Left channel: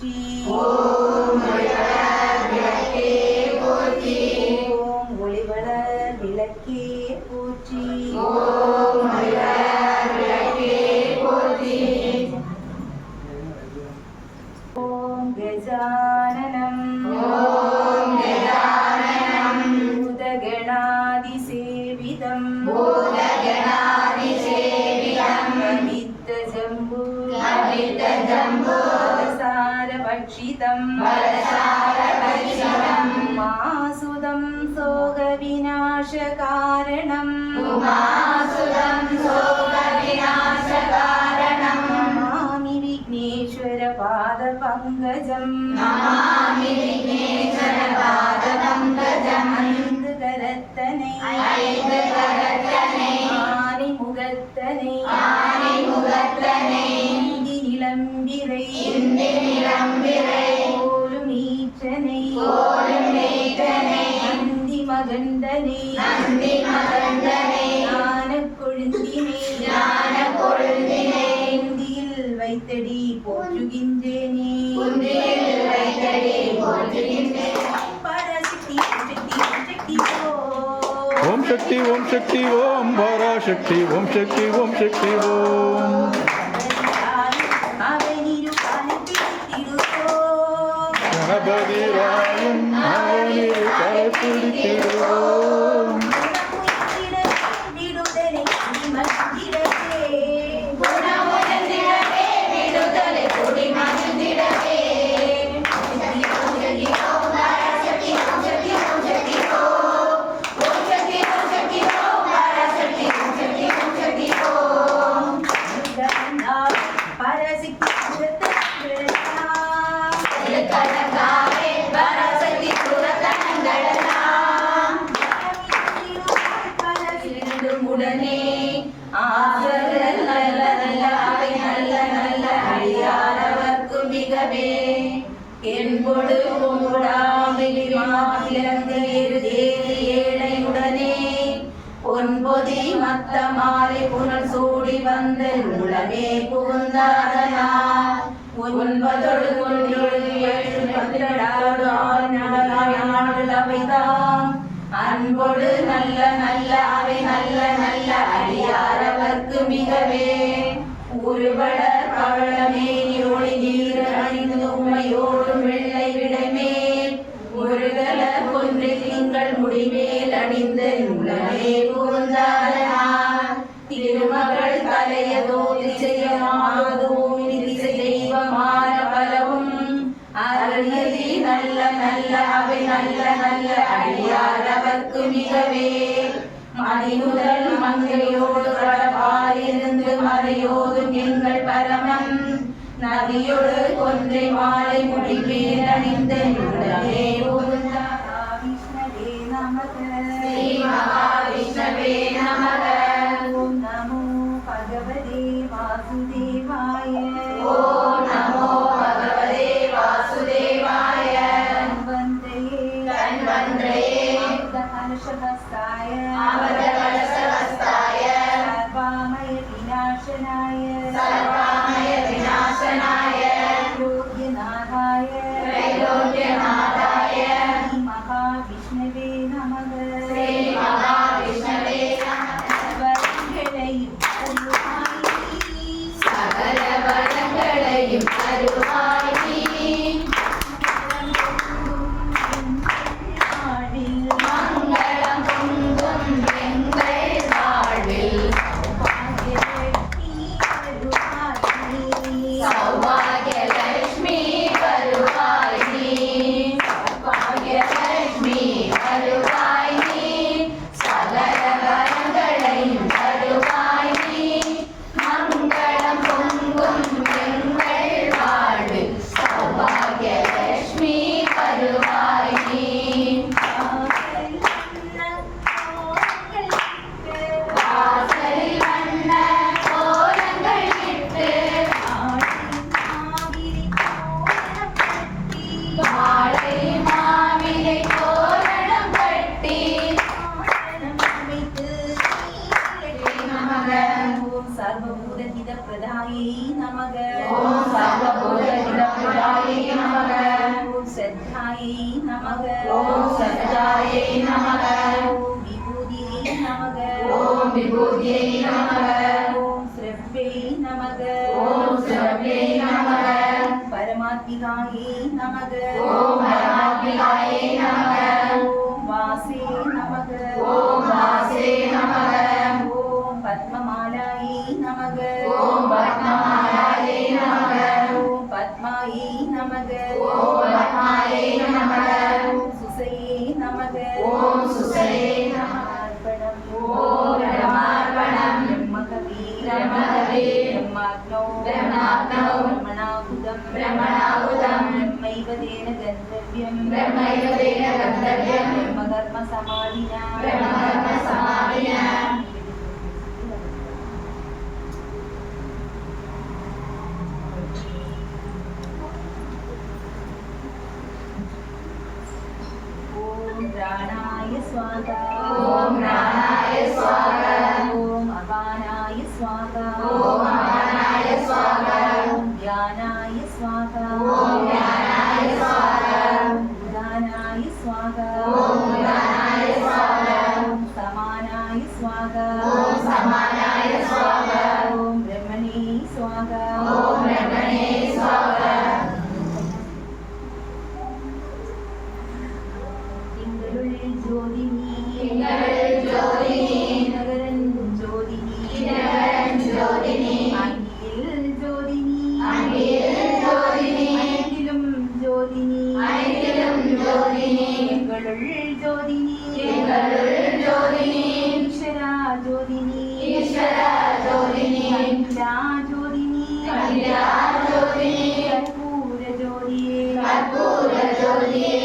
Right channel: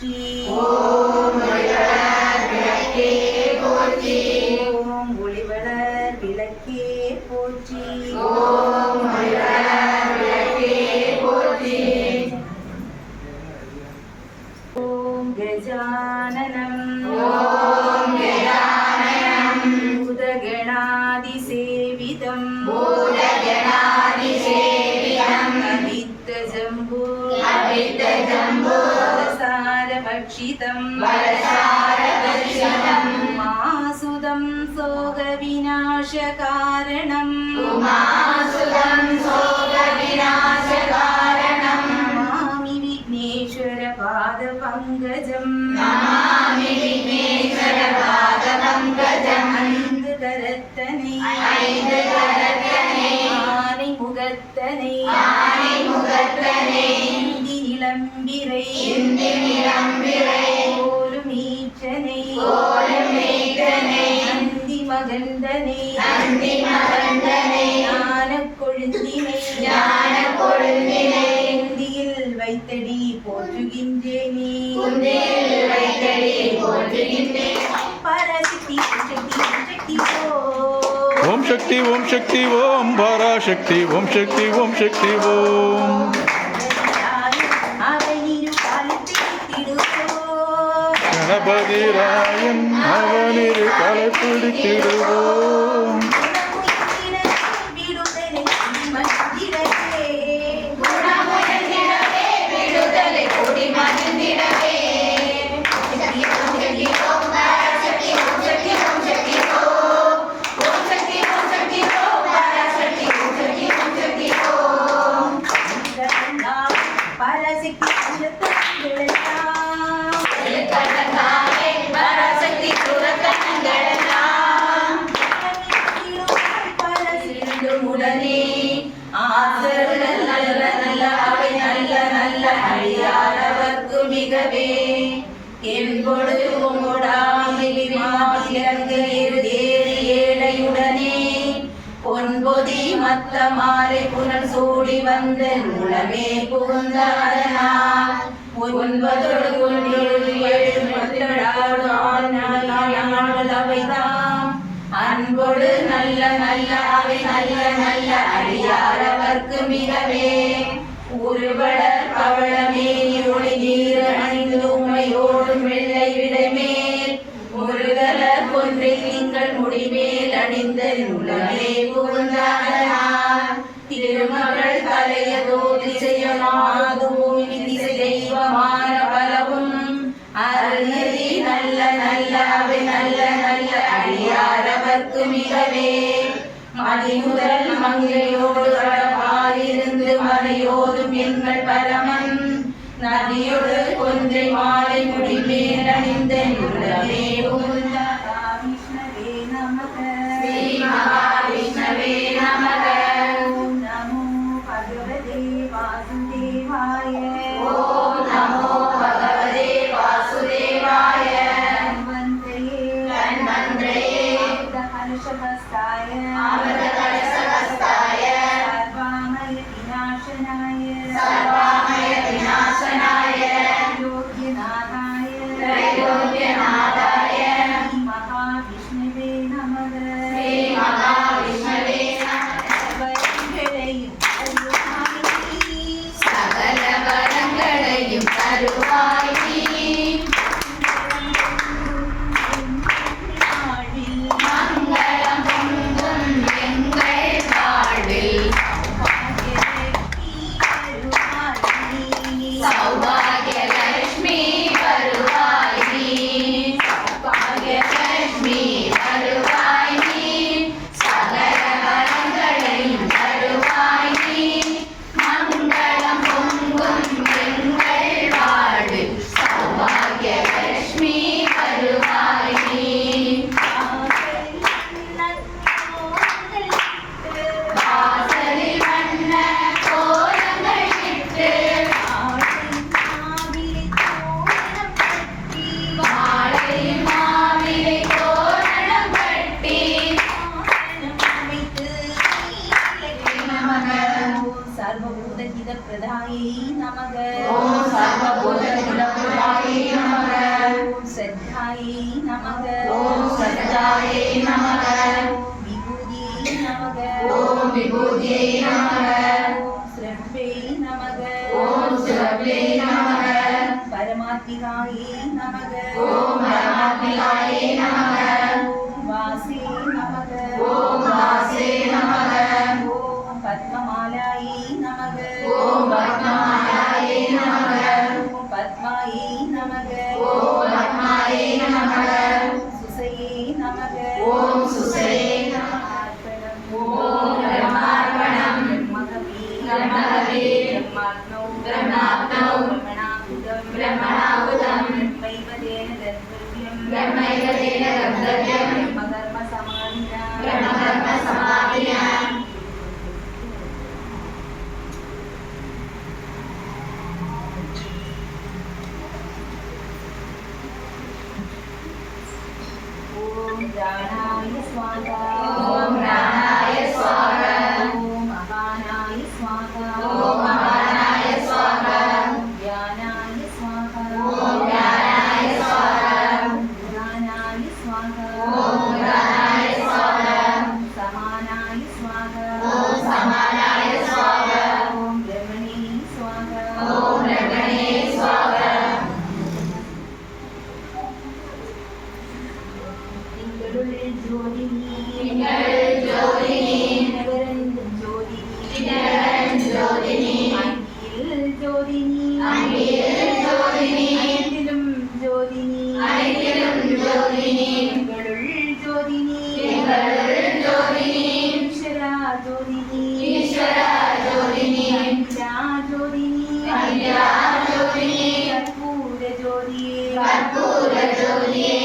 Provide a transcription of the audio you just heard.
போற்றி ஓம் ஒளிவளர் விளக்கே போற்றி. ஓம் கஜானனம். பூதகணாதிசேவிதம். கவித்த ஜம்பு பக்ஷிதம் மாசுதம் சோக விநாசகாரணம் நமாமி விக்னேஸ்வர பாத பங்கஜம் ஐந்து கரத்தனை ஆனை முகத்தனை இந்தி ஓம் சக்தி ஓம் சக்தி ஓம் பராசக்தி ஓம் சக்தி ஓம் சக்தி ஓம். கணபதி ராயன் அவனிரு கலை பிடித்திடுவோம் என்பொடு உம்முடாமிலி மாத்திரங்கு ஏறு ஏழையுடனே. பொன்பொதி மத்த மாலை புனல் சூடி வந்த உளமே புகுந்தாரனா ஒன்பதொடு ஒன்றொடு ஏழு பத்தடாடு அவைதாம். அன்பொடு நல்ல நல்ல அவை நல்ல நல்ல அடியாரவர்க்கு மிகவே. உருவட பவளமே கடப்பாயிருந்து மறையோதும் எங்கள் பரமன் நதியொடு கொன்றை மாலை பரமாத்மிகாயே நமக. ஓம் பரமாத்மிகாயே நமக. ब्रह्मणवे ब्रह्माग्नौ ब्रह्माग्नौ തിങ്കൾ ജ്യോതിനി ദിനകരൻ ജ്യോതിനി അങ്കിയിൽ ജ്യോതിനി അയത്തിലും ജ്യോതിനി തിങ്കളുൾ ജ്യോതിനി ഈശ്വര ജ്യോതിനി ജ്യോതിനി ജ്യോതിനി കർപ്പൂര ജ്യോതിയെ കർപ്പൂര ജ്യോതിയെ